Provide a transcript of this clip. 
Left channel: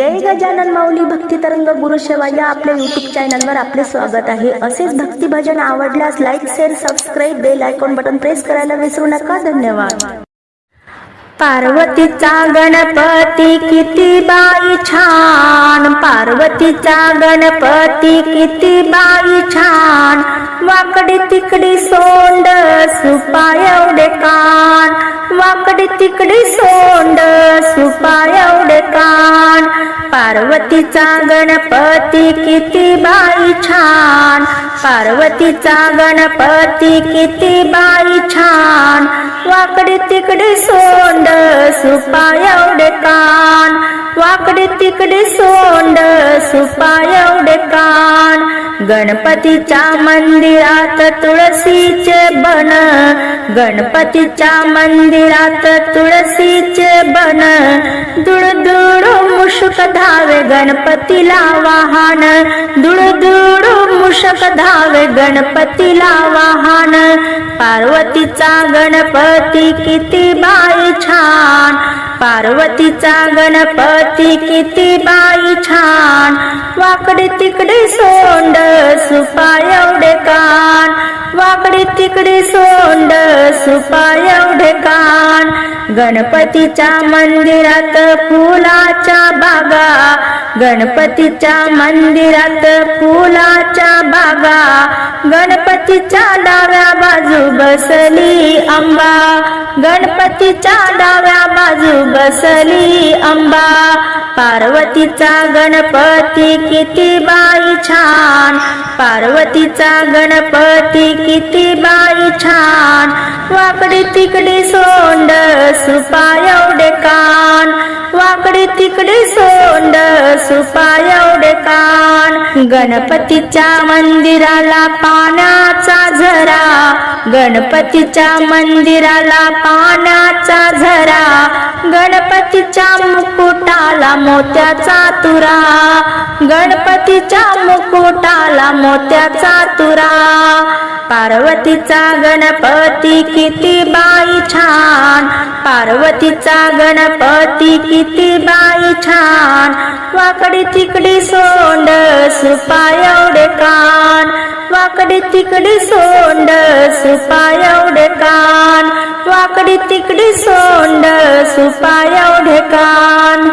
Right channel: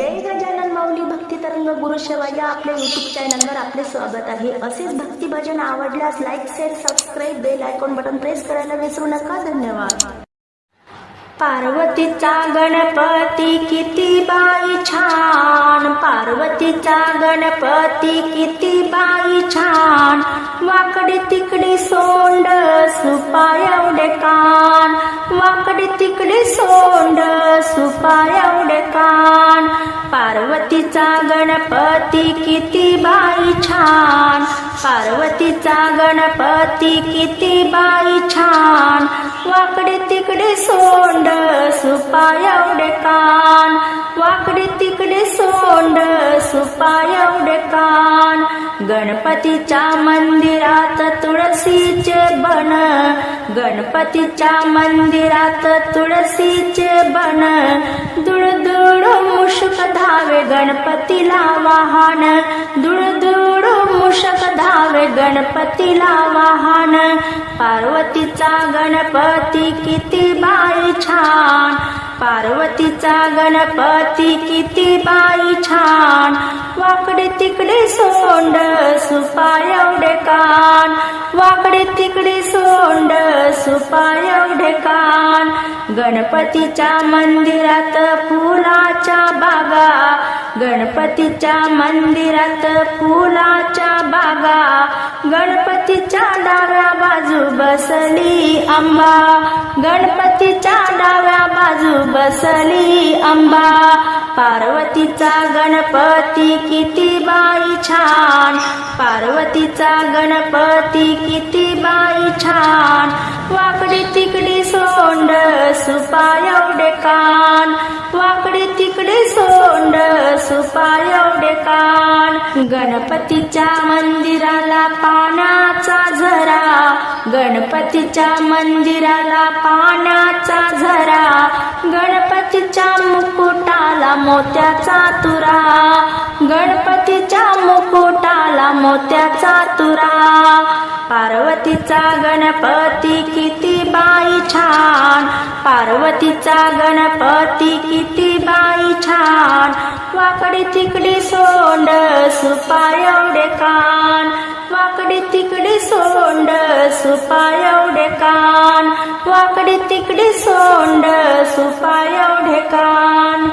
जय गजानन माऊली भक्ती तरंग गुरुसेवा या आपल्या युट्यूब चॅनलवर आपले स्वागत आहे. असेच भक्ती भजन आवडल्यास like share subscribe bell icon button press करायला विसरू नका. धन्यवाद. पार्वतीचा गणपती किती बाई छान. पार्वतीचा गणपती किती बाई छान. वाकडे तिकडे सोंड सुपा एवढे का तिकडे सोंड सुपा एवढे कान. पार्वतीचा गणपती किती बाई छान. पार्वतीचा गणपती किती बाई छान. वाकडे तिकडे सोंड सुपा एवढे कान. वाकडे तिकडे सोंड सुपा कान. गणपतीच्या मंदिरात तुळशीचे बन गणपतीच्या मंदिरात तुळशीचे बन दुळ दुळ मुशक धावे गणपतीला वाहन. दुळ दुळ मुशक धावे गणपतीला वाहन. पार्वतीचा गणपती किती बाई छान. पार्वतीचा गणपती किती बाई छान. वाकडे तिकडे सोंड सुपा एवढे कान. वाकडे तिकडे सोंड सुपा एवढे कान. गणपतीच्या मंदिरात फुलाच्या बागा. गणपतीच्या मंदिरात फुलाच्या बागा. गणपतीच्या डाव्या बाजू बसली आंबा गणपतीच्या डाव्या बाजू बसली आंबा पार्वतीचा गणपती किती बाई छान. पार्वतीचा गणपती किती बाई छान. वाकडी तिकडी सोंड सुपा एवढे कान. वाकडे तिकडे सोंड सुपा एवढे कान. गणपतीच्या मंदिराला पाण्याचा झरा. गणपतीच्या मंदिराला पाण्याचा झरा. गणपतीच्या मुकुटाला मोत्याचा तुरा. गणपतीच्या मुकुटाला मोत्याचा तुरा. पार्वतीचा गणपती किती बाई छान. पार्वतीचा गणपती किती बाई छान. वाकडी तिकडी सोंड सुपा एवढे कान. वाकडी तिकडी सोंड सुपा एवढे कान. वाकडी तिकडी सोंड सुपा एवढे कान.